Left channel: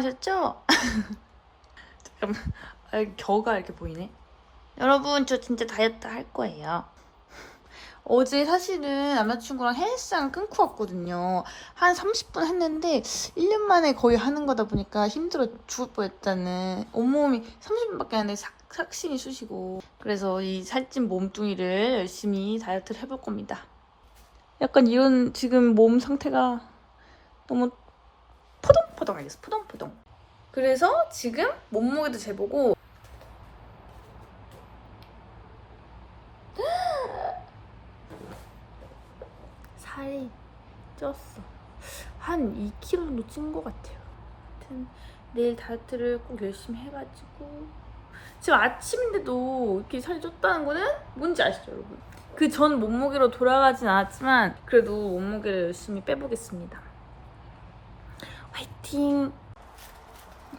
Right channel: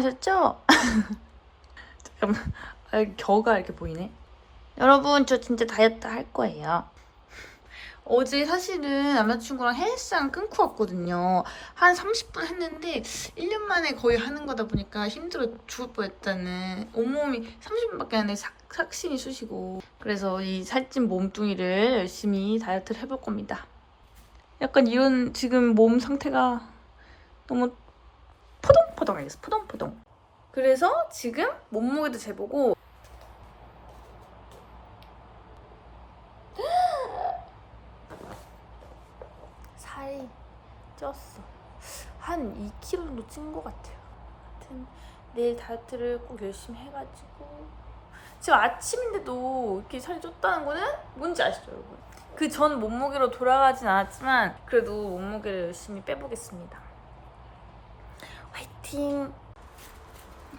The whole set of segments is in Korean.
당황하셨죠? 잠깐만. 아, 겨가 이렇게 보이네. 여러분 저 진짜 다이어트 할 거예요. 어제 사실은 남자친구랑 헬스장 끊고 왔거든요. 한 30분 했는데 1년 만에 거의 하는 거다 보니까 힘들어 죽을 뻔했다는 온몸이 30분밖에 안 삭, 삭신이 쑤시고. 그래서 이 살찐 몸뚱이를 열심히 다이어트를 해볼 겁니다. 약간 이런 지금 몸 상태가 너무 포동포동하겠어? 포동포동 그래서 지금 몸무게도 재보고. 살이 쪘어. 한 2kg 정도 찐 것 같아요. 하여튼 내일 다이어트를 꼭 열심히 해가지고. 지금 아침인데도 이렇게 살이 쪘다는 거는 뭔지 아시죠 여러분? 그 전 몸무게로 돌아가진 않았지만 그래도 몸무게를 열심히 빼보겠습니다 화이팅!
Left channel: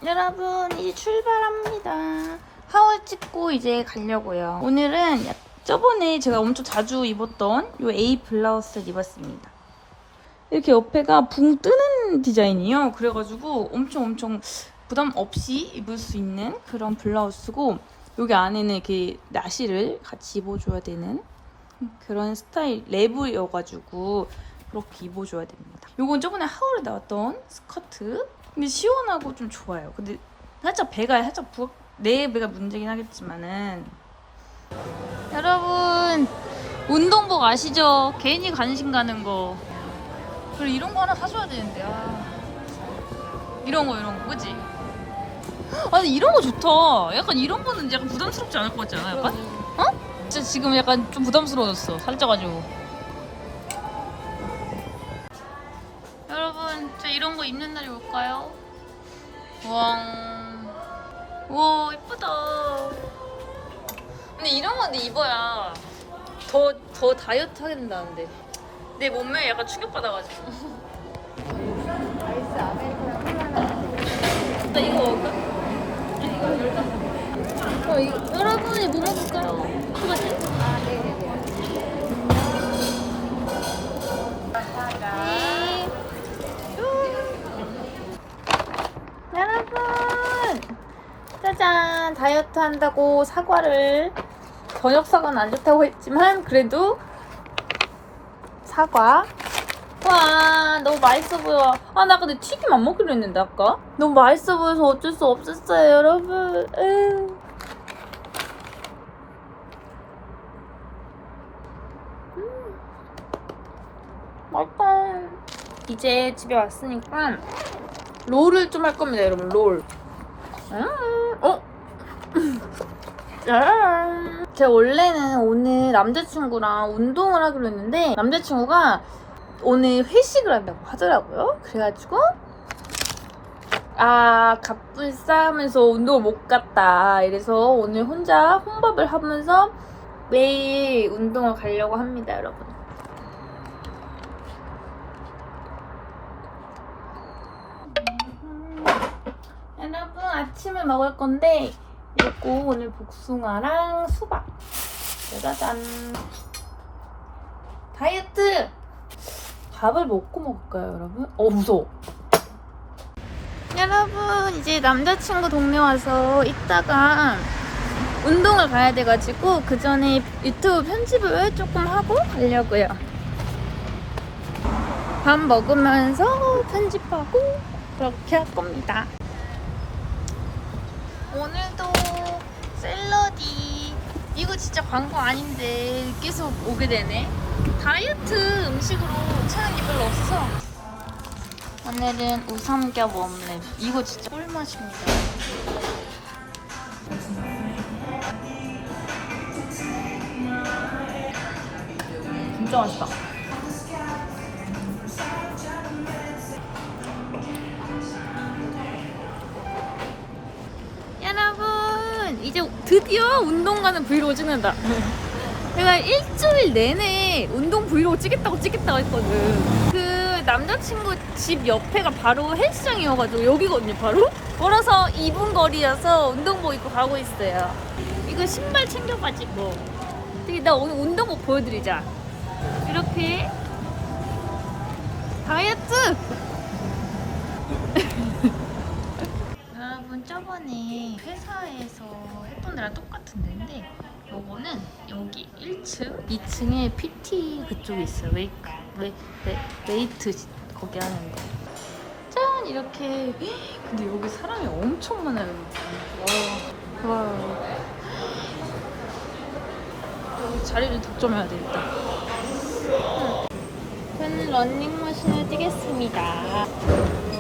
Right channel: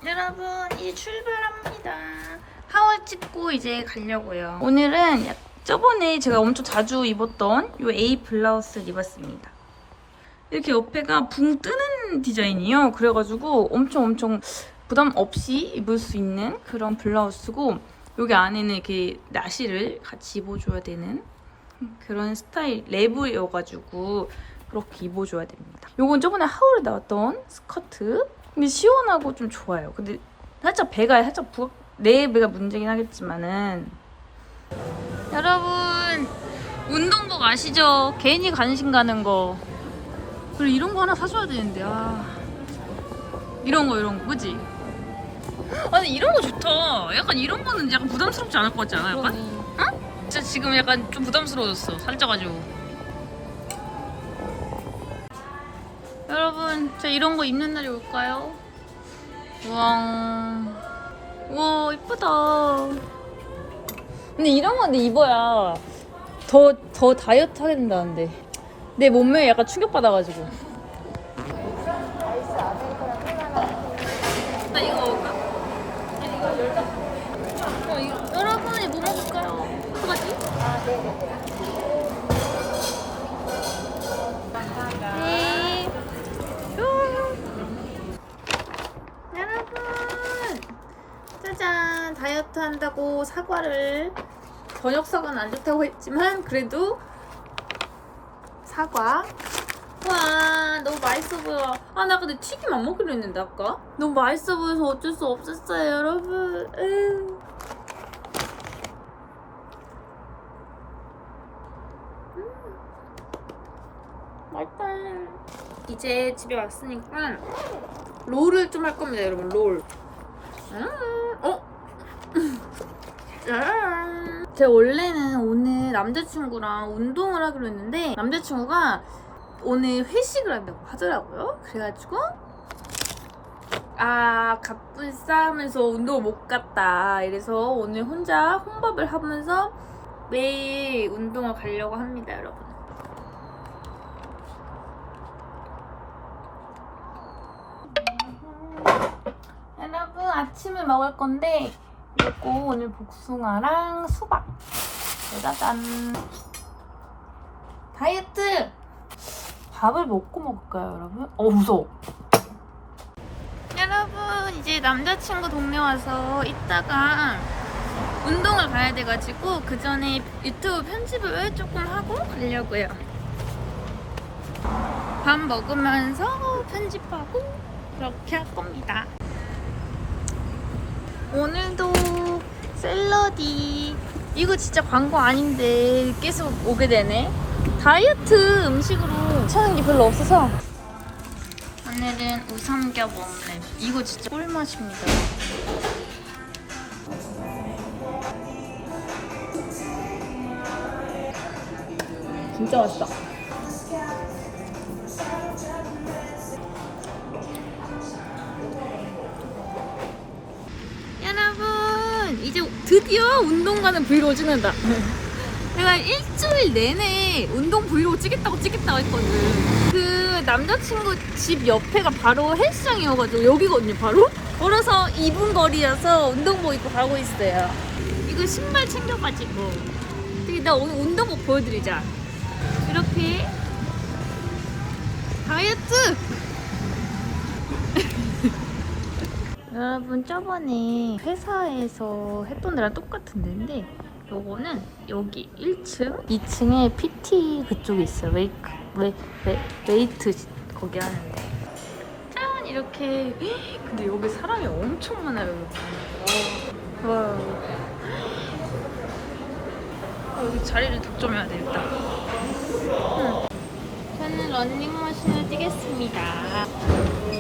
여러분 이제 출발합니다. 하울 찍고 이제 가려고요. 오늘은 약- 저번에 제가 엄청 자주 입었던 이 A 블라우스를 입었습니다. 이렇게 옆에가 붕 뜨는 디자인이에요. 그래가지고 엄청 엄청 부담 없이 입을 수 있는 그런 블라우스고 여기 안에는 이렇게 나시를 같이 입어줘야 되는 그런 스타일 레브여가지고 그렇게 입어줘야 됩니다. 요건 저번에 하울에 나왔던 스커트. 근데 시원하고 좀 좋아요. 근데 살짝 배가 살짝 부각, 내 배가 문제긴 하겠지만은 여러분 운동복 아시죠? 괜히 관심 가는 거. 그리고 이런 거 하나 사줘야 되는데 아 이런 거 이런 거 그지? 아니 이런 거 좋다. 약간 이런 거는 약간 부담스럽지 않을 것 같지 않아? 약간? 어? 진짜 지금 약간 좀 부담스러워졌어. 살쪄가지고. 여러분, 저 이런 거 입는 날이 올까요? 우와, 우와, 이쁘다. 근데 이런 거 근데 입어야 더, 더 다이어트 하게 된다는데. 내 몸매에 약간 충격 받아가지고. 나 이거 먹을까? 어, 이거, 다이어트 한다고 사과를 저녁 사과는 안 좋다고 했지만 그래도 사과 와 너무 맛있어 보여 아 나 근데 튀김 안 먹기로 했는데 아까 너무 맛있어 보여서 어쩔 수 없었어요 여러분 에휴. 맛있다. 이제 집에 왔으니까 롤을 좀 할 겁니다, 여러분. 롤. 음. 제가 원래는 오늘 남자친구랑 운동을 하기로 했는데 남자친구가 오늘 회식을 한다고 하더라고요. 그래가지고 아 갑분싸 하면서 운동을 못 갔다. 이래서 오늘 혼자 혼밥을 하면서 매일 운동을 가려고 합니다, 여러분. 여러분 아침을 먹을 건데 이거 오늘 복숭아랑 수박. 짜잔. 다이어트! 밥을 먹고 먹을까요 여러분? 어 무서워. 여러분 이제 남자친구 동네 와서 이따가 운동을 가야 돼가지고 그 전에 유튜브 편집을 조금 하고 가려고요. 밥 먹으면서 편집하고 그렇게 할 겁니다 오늘도 샐러디. 이거 진짜 광고 아닌데 계속 오게 되네. 다이어트 음식으로 찾는 게 별로 없어서. 오늘은 우삼겹 없는 이거 진짜 꿀맛입니다. 진짜 맛있다 드디어 운동 가는 브이로그 찍는다. 내가 일주일 내내 운동 브이로그 찍겠다고 찍겠다고 했거든. 그 남자친구 집 옆에가 바로 헬스장이어가지고 여기거든요 바로? 걸어서 2분 거리여서 운동복 입고 가고 있어요. 이거 신발 챙겨가지고. 근데 나 오늘 운동복 보여드리자. 이렇게. 다이어트 여러분 저번에 회사에서 했던 데랑 똑같은 데인데 요거는 여기 1층 2층에 PT 그쪽에 있어요. 웨이크 웨, 웨, 웨이트 거기 하는데. 짠! 이렇게. 근데 여기 사람이 엄청 많아요 여러분. 와, 와. 아, 여기 자리를 득점해야 되겠다. 응. 저는 런닝머신을 뛰겠습니다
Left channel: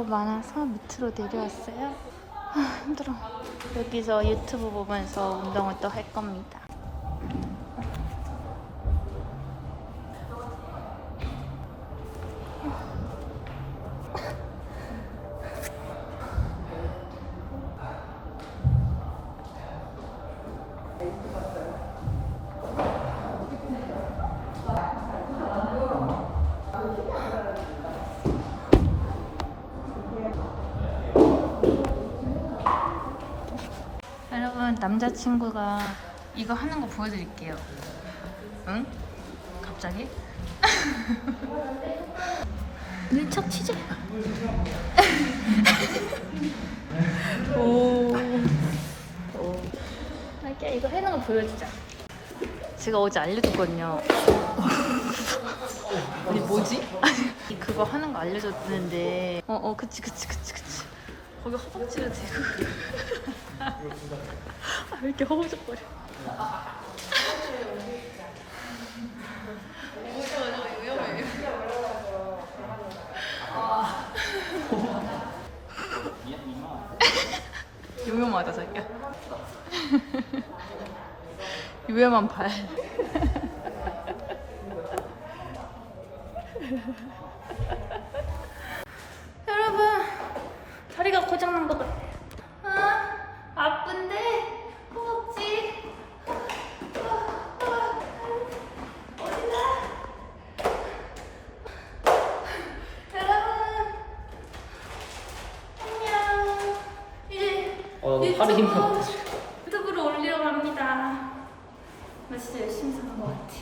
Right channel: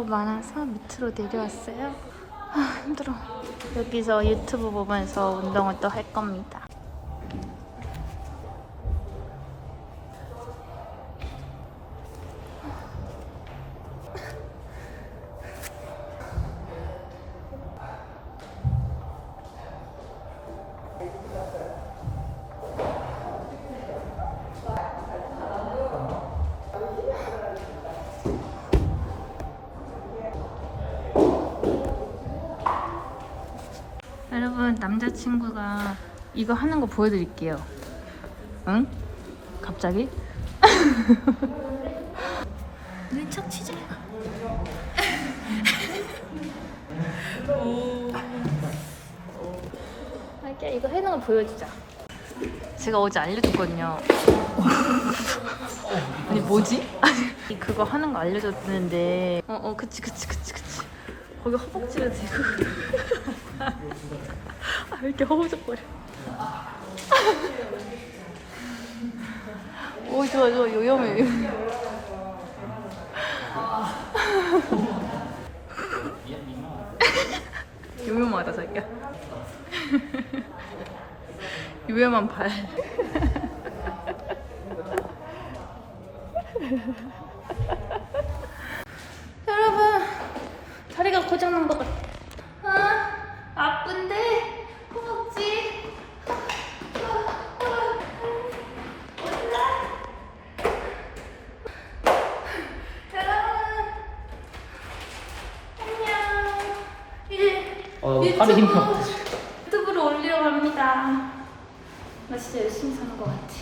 너무 많아서 밑으로 내려왔어요. 아, 힘들어. 여기서 유튜브 보면서 운동을 또 할 겁니다. 친구가 이거 하는 거 보여드릴게요. 응? 갑자기? 밀착 취재. 오. 오. 자기야 이거 해놓은 거 보여주자. 제가 어제 알려줬거든요. 아니 뭐지? 그거 하는 거 알려줬는데 어 어 그치 그치 그치 그치 거기 허벅지를 대고 아, 왜 이렇게 허우적거려? 오, 좋아, 좋아, 요염해. 요염하다, 자기야. 요염한 발. 여러분, 다리가 고장난 것 같아. 아, 아픈데 허벅지. 여러분, 안녕. 이제 어, 유튜브, 팔에 힘 유튜브로 올리려고 합니다. 나 진짜 열심히 사는 것 같아.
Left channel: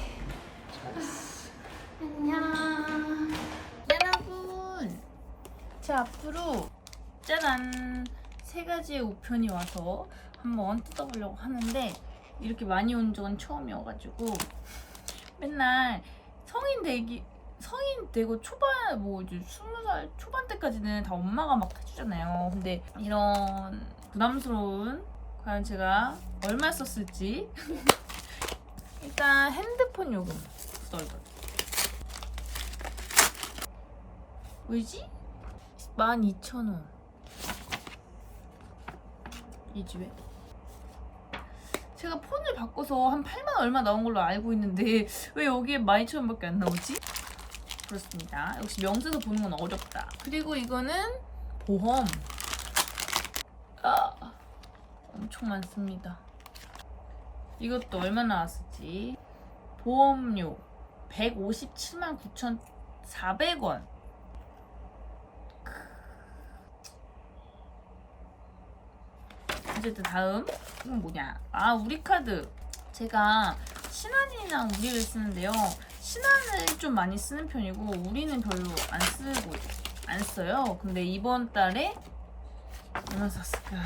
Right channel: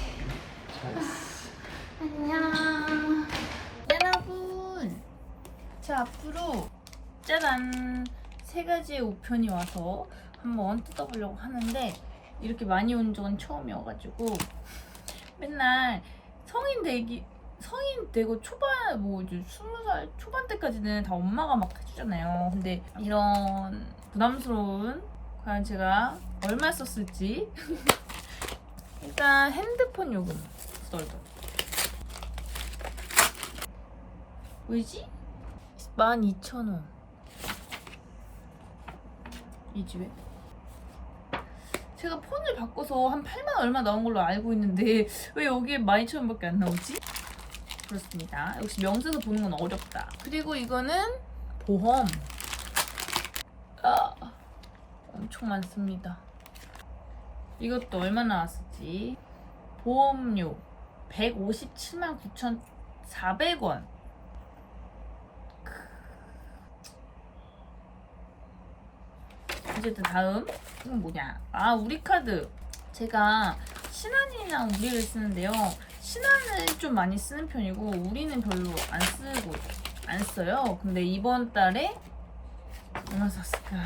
안녕. 여러분, 제 앞으로 짜란 세 가지의 우편이 와서 한번 뜯어보려고 하는데 이렇게 많이 온 적은 처음이어가지고 맨날 성인 되기 성인 되고 초반 뭐 이제 스무 살 초반 때까지는 다 엄마가 막 해주잖아요. 근데 이런 부담스러운 과연 제가 얼마 썼을지 일단 핸드폰 요금 썰덜 왜지? 12,000원 이 집에 제가 폰을 바꿔서 한 8만 얼마 나온 걸로 알고 있는데 왜 여기에 12,000원밖에 안 나오지? 그렇습니다. 역시 명세서 보는 건 어렵다. 그리고 이거는 보험. 아, 엄청 많습니다. 이것도 얼마 나왔을지. 보험료 157만 9,400원. 어쨌든 다음. 이건 뭐냐? 아 우리 카드. 제가 신한이랑 우리를 쓰는데요. 신한을 좀 많이 쓰는 편이고 우리는 별로 안 쓰고 안 써요. 근데 이번 달에 얼마 샀을까?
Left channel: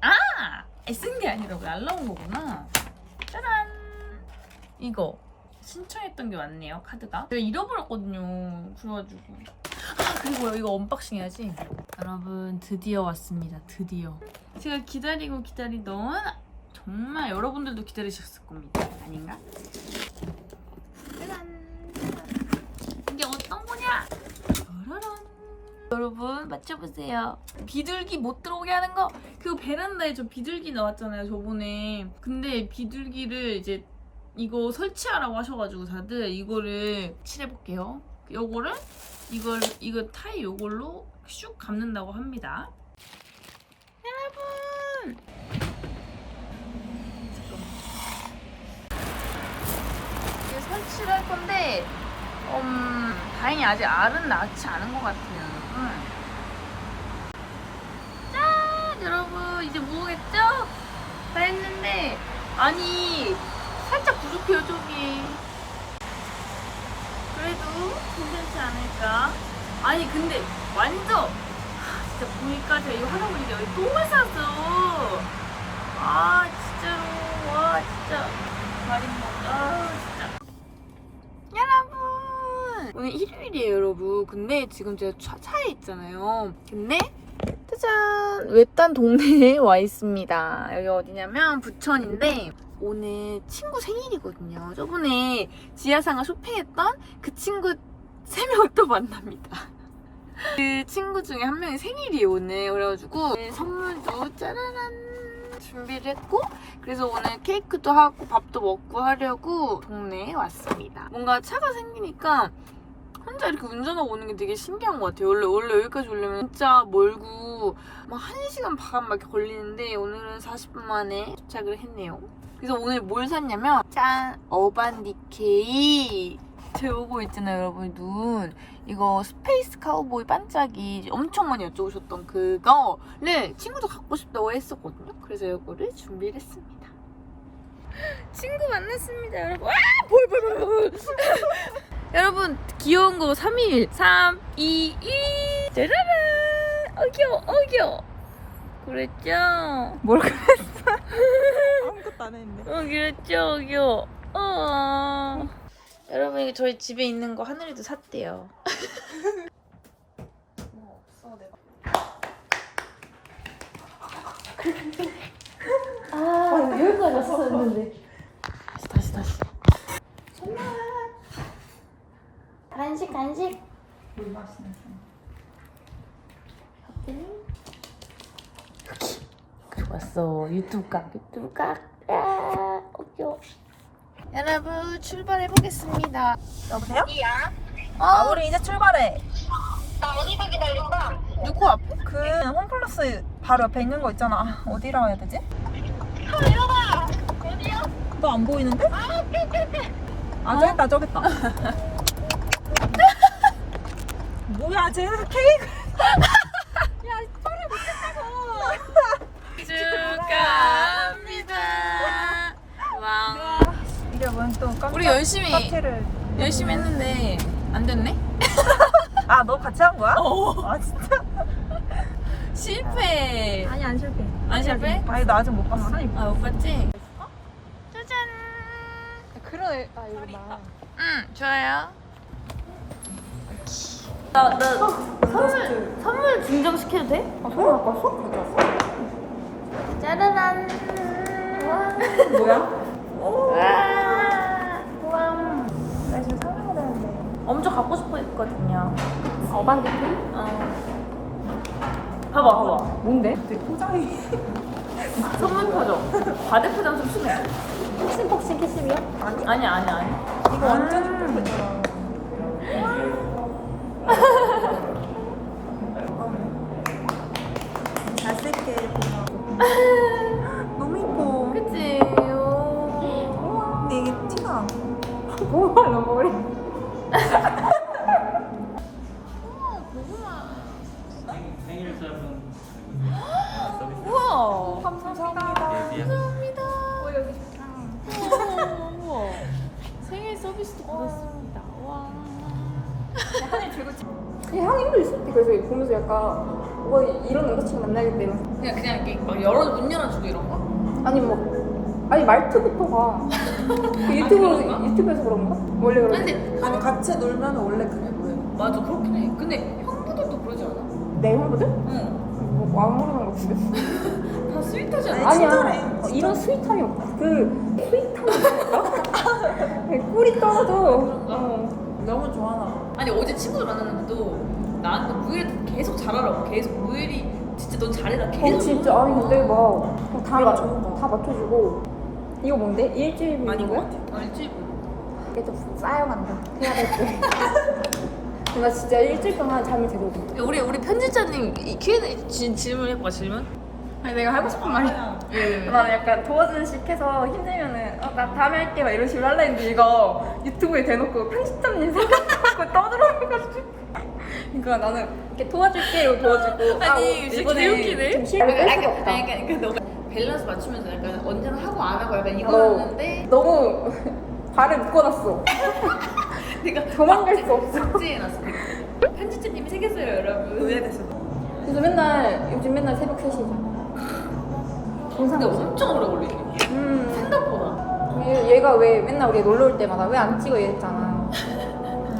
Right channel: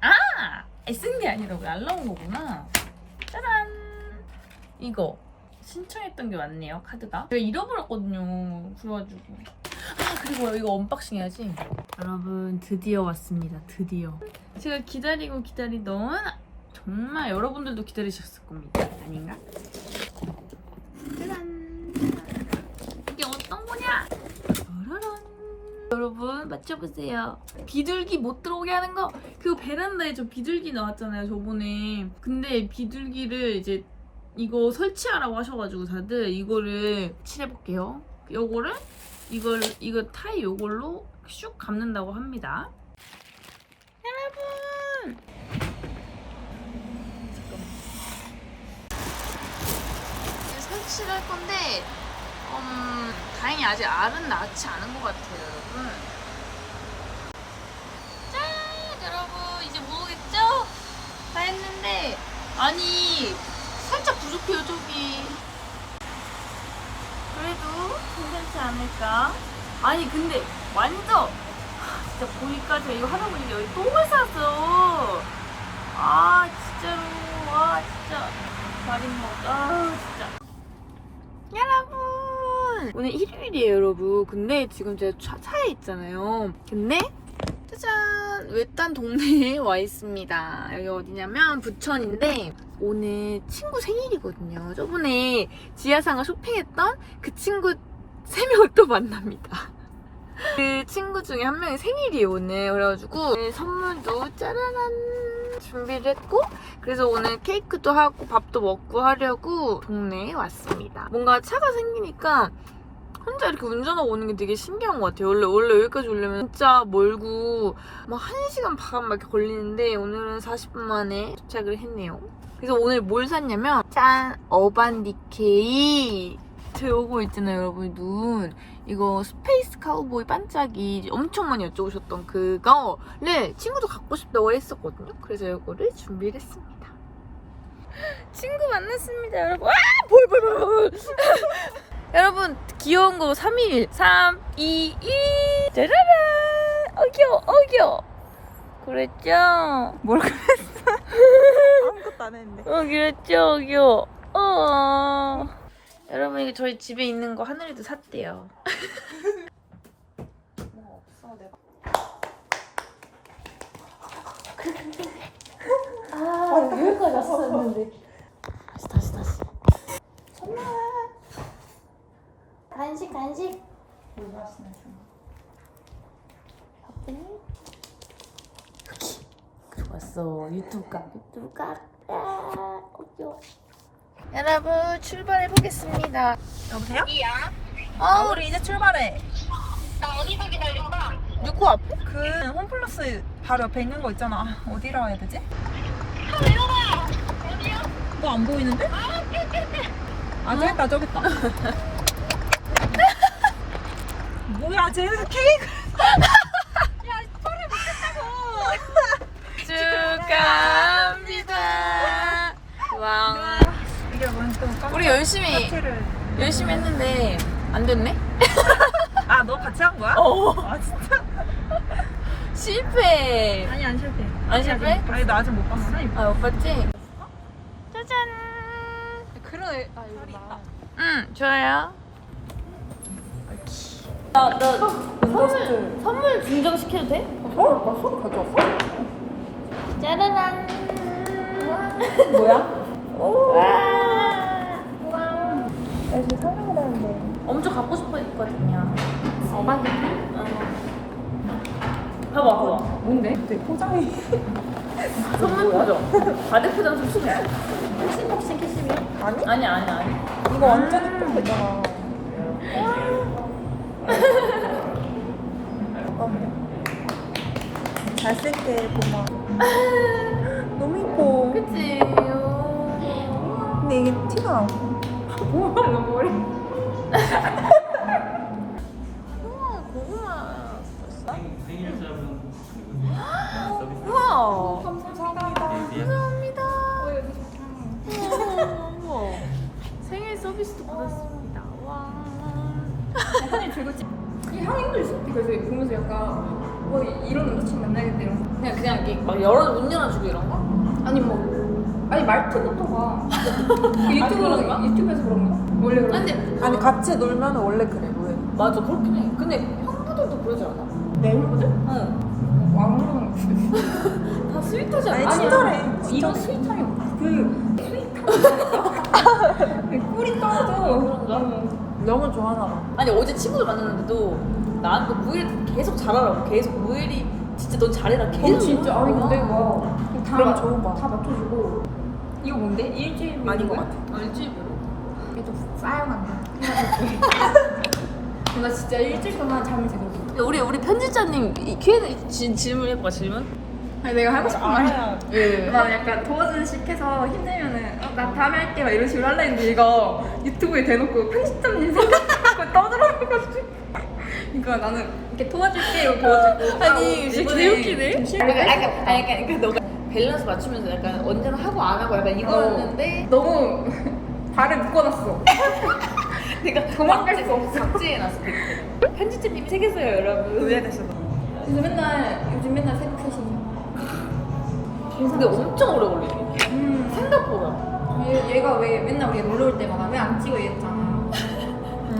아! 쓴 게 아니라 날라온 거구나. 짜란 이거 신청했던 게 맞네요 카드가. 제가 잃어버렸거든요 그래가지고. 아 그리고 이거 언박싱 해야지. 여러분 드디어 왔습니다. 드디어. 제가 기다리고 기다리던 정말 여러분들도 기다리셨을 겁니다. 아닌가? 짜잔. 이게 어떤 거냐? 짜라란 여러분 맞춰보세요. 비둘기 못 들어오게 하는 거? 그거 베란다에 저 비둘기 나왔잖아요 저번에. 근데 비둘기를 이제 이거 설치하라고 하셔가지고 다들 이거를 칠해볼게요. 요거를 이걸 이거 타이 요걸로 슉 감는다고 합니다. 여러분. 잠깐만. 이제 설치를 할 건데, 음, 다행히 아직 알은 낳지 않은 것 같아요, 여러분. 짠, 여러분 이제 뭐겠죠? 다 했는데 아니 살짝 부족해요 저기 그래도 괜찮지 않을까? 아니 근데 완전 하, 진짜 보니까 제가 이거 하다 보니까 여기 똥을 쌌어 아 진짜로. 와 진짜. 다리 먹 아 진짜. 여러분! 오늘 일요일이에요 여러분. 근데 지금 제가 차, 차에 있잖아요. 근데 짜잔! 외딴 동네에 와 있습니다. 여기 어디냐면 부천인데 오늘 친구 생일이거든요. 저번에 지하상가 쇼핑했던 그 친구 세 명을 또 만납니다. 그 친구 중에 한 명이 생일이에요 오늘. 그래가지고 선물도 짜라란 준비를 했고 그래서 오늘 케이크도 하고 밥도 먹고 하려고 동네에 왔습니다. 뭔가 차가 생기니까 혼자 이렇게 운전하고 오는 게 되게 신기한 것 같아요. 원래, 원래 여기까지 오려면 진짜 멀고, 막 1시간 반막 이렇게 걸리는데, 오늘은 40분 만에 도착을 했네요. 그래서 오늘 뭘 샀냐면, 짠! 어반디케이! 저 요거 있잖아요, 여러분. 눈. 이거 스페이스 카우보이 반짝이 엄청 많이 여쭤보셨던 그거를 친구도 갖고 싶다고 했었거든요. 그래서 이거를 준비를 했습니다. 친구 만났습니다, 여러분. 아! 볼, 볼, 볼, 볼. 여러분 귀여운 거 3일. 3, 2, 1 짜라란 어 귀여워 어 귀여워. 그랬죠? 뭘 그랬어? 아무것도 안 했는데. 어 그랬죠? 귀여워. 어. 여러분 이게 저희 집에 있는 거 하늘이도 샀대요. 뭐 없어 내가 아 여기까지 왔었는데. 다시 다시 다시 선물 간식 간식 물 마시는 여기 좋았어 유튜브 각 유튜브 각 아, 어겨 여러분 출발해 보겠습니다 여보세요? 아 우리 이제 출발해. 나 어디서 기다린다? 누구 앞에? 그 홈플러스 바로 옆에 있는 거 있잖아. 어디라고 해야 되지? 너안 보이는데? 아 저기 있다 저기 있다. 뭐야 쟤 케이크. 야 소리 축하합니다 와 이게 뭔또 우리 열심히. 열심히 했는데 안 됐네 아 너 같이 한 거야? 어 아 진짜? 실패 아니 안 실패. 안 실패? 아니 나 아직 못 봤어. 아못 봤지? 짜잔 그래. 아 여기 있다. 응 좋아요 나, 나 선물 선물 증정시켜도 돼? 어? 선물 가져왔어? 짜라란 뭐야? 와 나 지금 설명을 하는데. 엄청 갖고 싶어 했거든요 응. 봐봐 봐봐 뭔데? 되게 포장이. 선물 포장 바대 포장 좀 심해 복싱 캐시미어? 아니? 아니 아니 아니 이거 완전 예쁜 거 있잖아. 잠깐만. 잘 쓸게, 고마워. 너무 예뻐. 그치 근데 이게 티가. 고구마 머리 우와 감사합니다. 감사합니다 우와 생일 서비스도 받았습니다 와 그냥 향 잉글리시 그래서 보면서 약간 뭐 이런 남자친구 만나겠다 이런 생각. 그냥 그냥 이렇게 막 열어 문 열어주고 이런 거? 아니 뭐 아니 말투부터가 그 유튜브 그런가? 유튜브에서 그런가 원래 그런 아니 근데 아니, 같이 놀면 원래 그래. 맞아 그렇긴 해 근데 형부들도 그러지 않아? 내 형부들 응. 뭐 왕하는 거지 다 스윗하지 않아? 아니, 아니야 친절해, 어, 이런 스윗함이 없다 그 스윗함이 꿀이 떨어져 그런가? 어. 너무 좋아하나 봐. 아니 어제 친구들 만났는데도 나한테 무일 계속 잘하라고 계속 무일이 진짜 넌 잘해라 계속 어, 진짜 아니 이러는 근데 거야. 막다 그럼 좋은 거 같아. 다 맞춰주고 이거 뭔데 일주일 아닌 것 거야? 같아. 어, 일주일 보러 이게 좀 쌓여간다 나 진짜 일주일 동안 잠을 제대로 못 야, 우리 우리 편집자님 이 Q&A 지- 질문 해봐 질문 아니 내가 하고 싶은 말이 알아야. 예. 나 약간 도와주는 식 해서 힘들면은 어, 나 다음에 할게 막 이런 식으로 하려 했는데 이거 유튜브에 대놓고 편집자님 생각 하고 떠들어가지고 그러니까 나는 이렇게 도와줄게 이렇게 도와주고 아니, 진짜 개웃기네. 좀 실패했어. 아니 그러니까 그러니까 너가 밸런스 맞추면서 약간 언제나 하고 안 하고 약간 이거였는데 너무 발을 묶어놨어. 내가 도망갈 수 없어. 박제해놨어 댓글. 편집자님이 새겼어요 여러분. 요즘 맨날 요즘 맨날 새벽 3시잖아. 근데 엄청 오래 걸리네. 음. 생각보다. 얘, 얘가 왜 맨날 우리 놀러 올 때마다 왜 안 찍어 이랬잖아.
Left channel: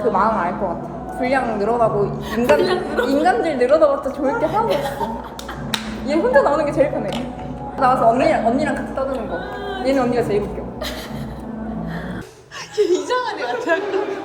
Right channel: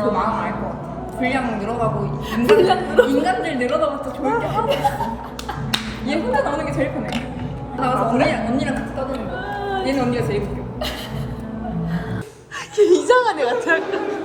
그 마음 알 것 같아. 분량 늘어나고 인간, 인간들 늘어나봤자 좋을 게 하나도 없어. 얘 혼자 나오는 게 제일 편해. 나가서 언니랑 언니랑 같이 떠드는 거. 얘는 언니가 제일 웃겨. 이상한 애 같아.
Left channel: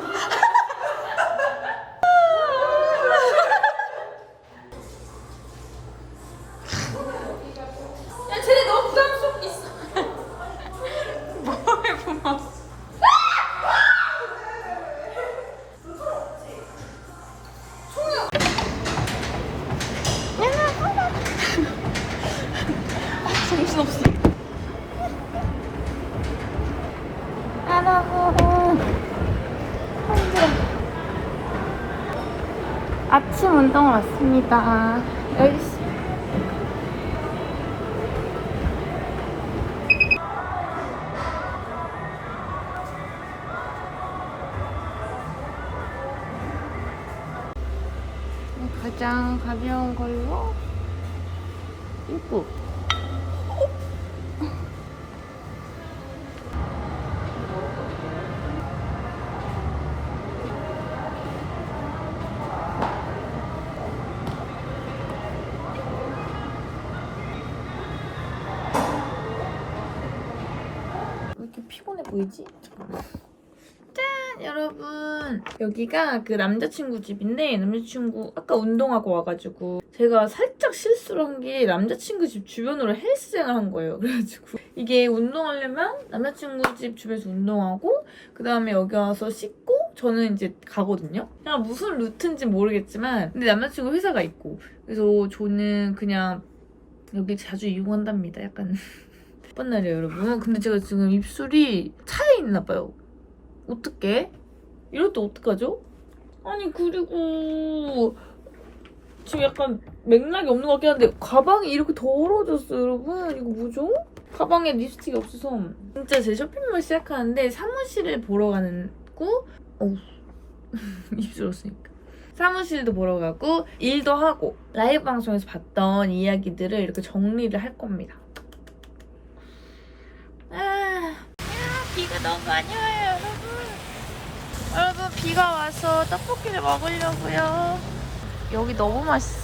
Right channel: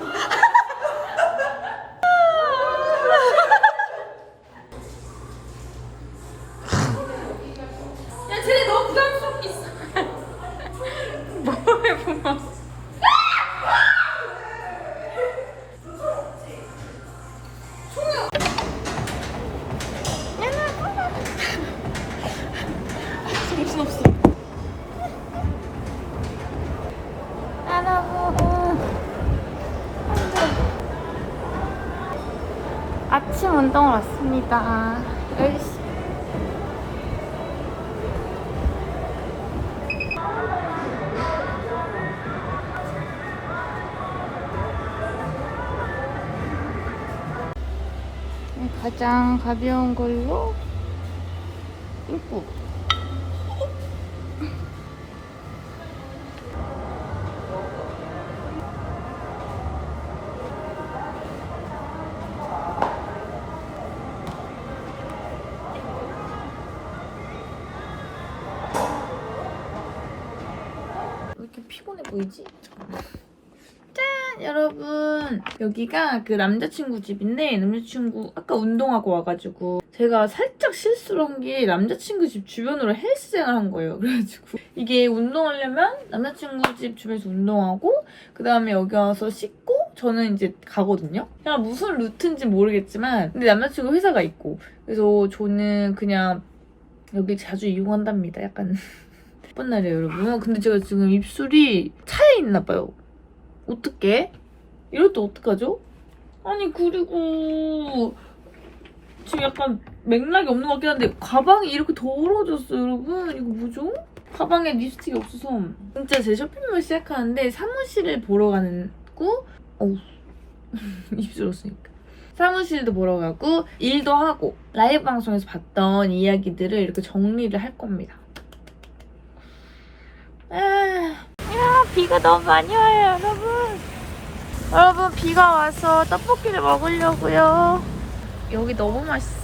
운동 왔습니다. 열시 가장 가벼운 걸 이렇게 피곤해 보이지? 짠! 여러분. 여기가 그 남자친구 집인데 남자친구 아까 운동하고 와가지고 제가 살짝 실수를 한 게 남자친구 집 주변으로 헬스장을 한 거예요. 그래가지고 이게 운동하려면 남자친구 집 주변에서 운동하고 그 다음에 여기 와서 씻고 저는 이제 가거든요. 그냥 무슨 루트인지 모르겠지만 근데 남자친구 회사가 있고. 그래서 저는 그냥 여기 자주 이용한답니다. 약간 예쁜 날이에요, 여러분. 근데 제가 지금 입술이 차에 있나 봐요. 어떡해? 이럴 때 어떡하죠? 아니, 그리고 지금 약간 맥락이 없는 것 같긴 한데 가방이 이렇게 더러워졌어요, 여러분. 이거 뭐죠? 가방에 립스틱이 없어서 진짜 제 쇼핑몰 시작하는데 사무실을 보러 가는 고 어우 입술 없으니까 사무실도 보러 가고 일도 하고 라이브 방송에서 봤던 이야기들을 이렇게 정리를 할 겁니다. 아, 야, 비가 너무 많이 와요, 여러분. 여러분, 비가 와서 떡볶이를 먹으려고요. 여기 너무 맛있어.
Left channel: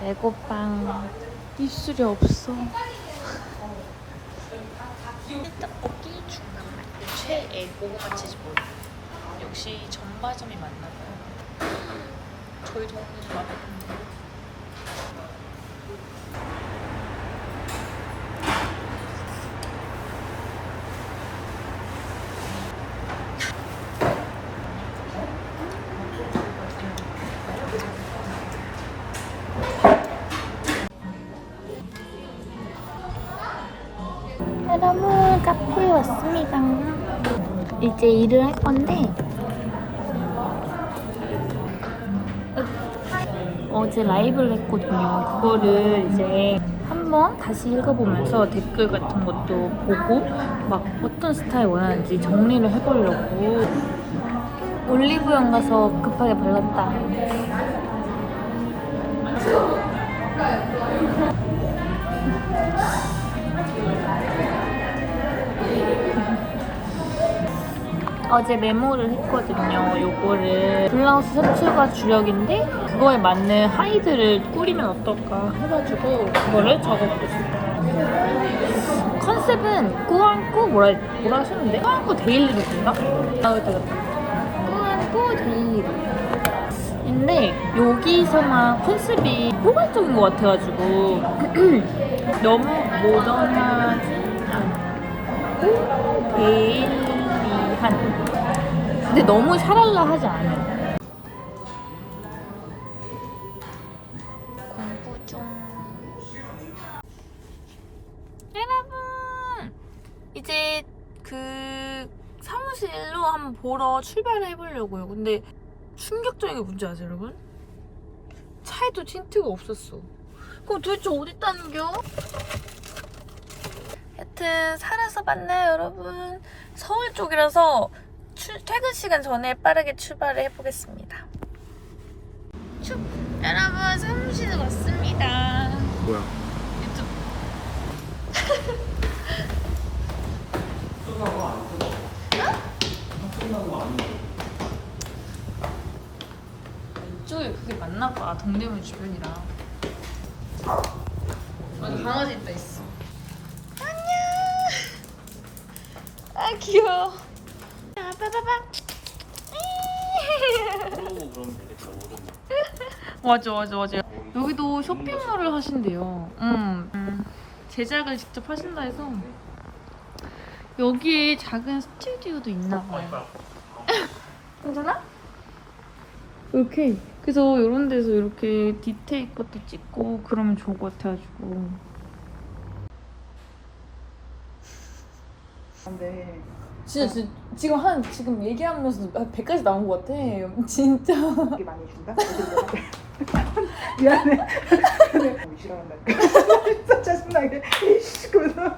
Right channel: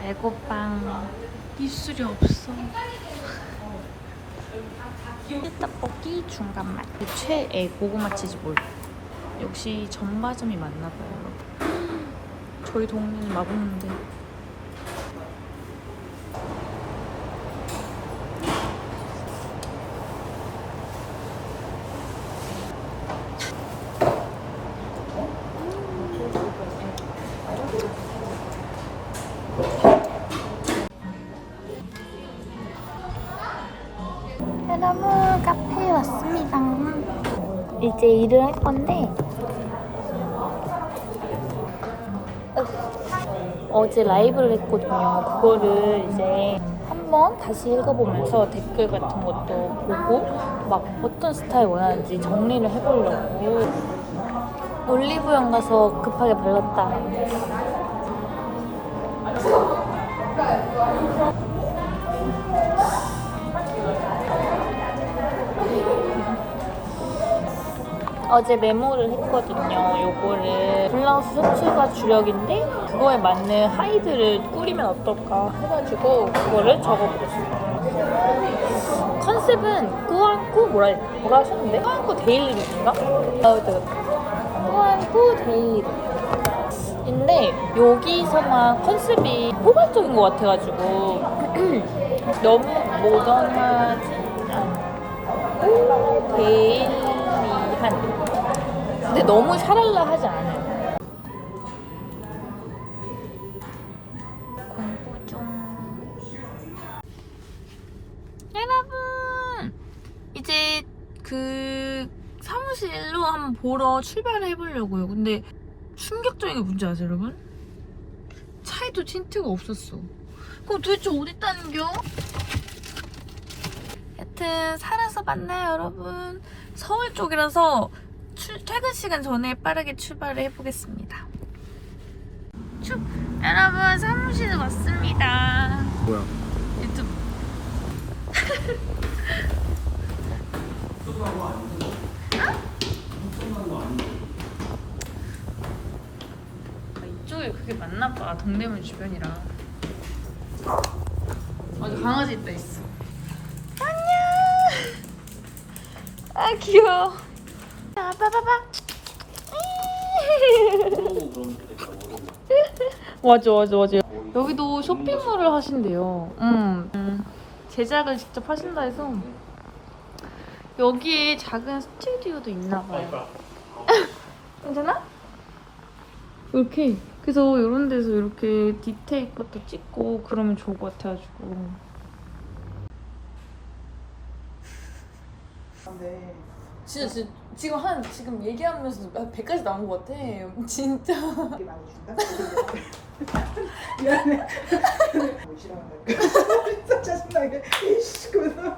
배고팡. 입술이 없어. 떡볶이 중간맛. 채에 고구마 치즈 볼. 역시 전바점이 맞나봐요. 저희 동네는 맛없는데. 왔습니다. 이제 일을 할 건데 어제 라이브를 했거든요. 그거를 이제 한번 다시 읽어보면서 댓글 같은 것도 보고 막 어떤 스타일 원하는지 정리를 해보려고 올리브영 가서 급하게 발랐다. 어제 메모를 했거든요. 요거를 블라우스 셔츠가 주력인데 그거에 맞는 하이드를 꾸리면 어떨까 해가지고 그거를 적어보겠습니다. 컨셉은 꾸안꾸 뭐라 뭐라 하셨는데? 꾸안꾸 데일리 룩인가? 아 됐다 됐다. 꾸안꾸 데일리 룩. 인데 여기서만 컨셉이 포괄적인 것 같아가지고 너무 모던하진 않고 데일리한 근데 너무 샤랄라 하지 않은 공부 중 여러분 이제 그 사무실로 한번 보러 출발을 해보려고요. 근데 충격적인 게 뭔지 아세요 여러분? 차에도 틴트가 없었어. 그거 도대체 어디 있다는겨? 여튼 살아서 만나요 여러분? 서울 쪽이라서 출, 퇴근 시간 전에 빠르게 출발을 해보겠습니다. 쭉 여러분 사무실 왔습니다. 뭐야? 유튜브. 이쪽에 그게 맞나 봐. 동대문 주변이라 맞아 강아지 있다 있어. 안녕! 아 귀여워 자 빠바바 맞아 맞아 맞아. 여기도 쇼핑몰을 하신대요. 음, 음. 제작을 직접 하신다 해서. 여기에 작은 스튜디오도 있나 봐요. 괜찮아? 이렇게 그래서 이런 데서 이렇게 디테일 것도 찍고 그러면 좋을 것 같아가지고 진짜, 진짜 지금 한 지금 얘기하면서 100까지 나온 것 같아 진짜 되게 많이 준다? 미안해. 뭐 싫어한다니까. 진짜 짜증나게. 이씨, 그러면서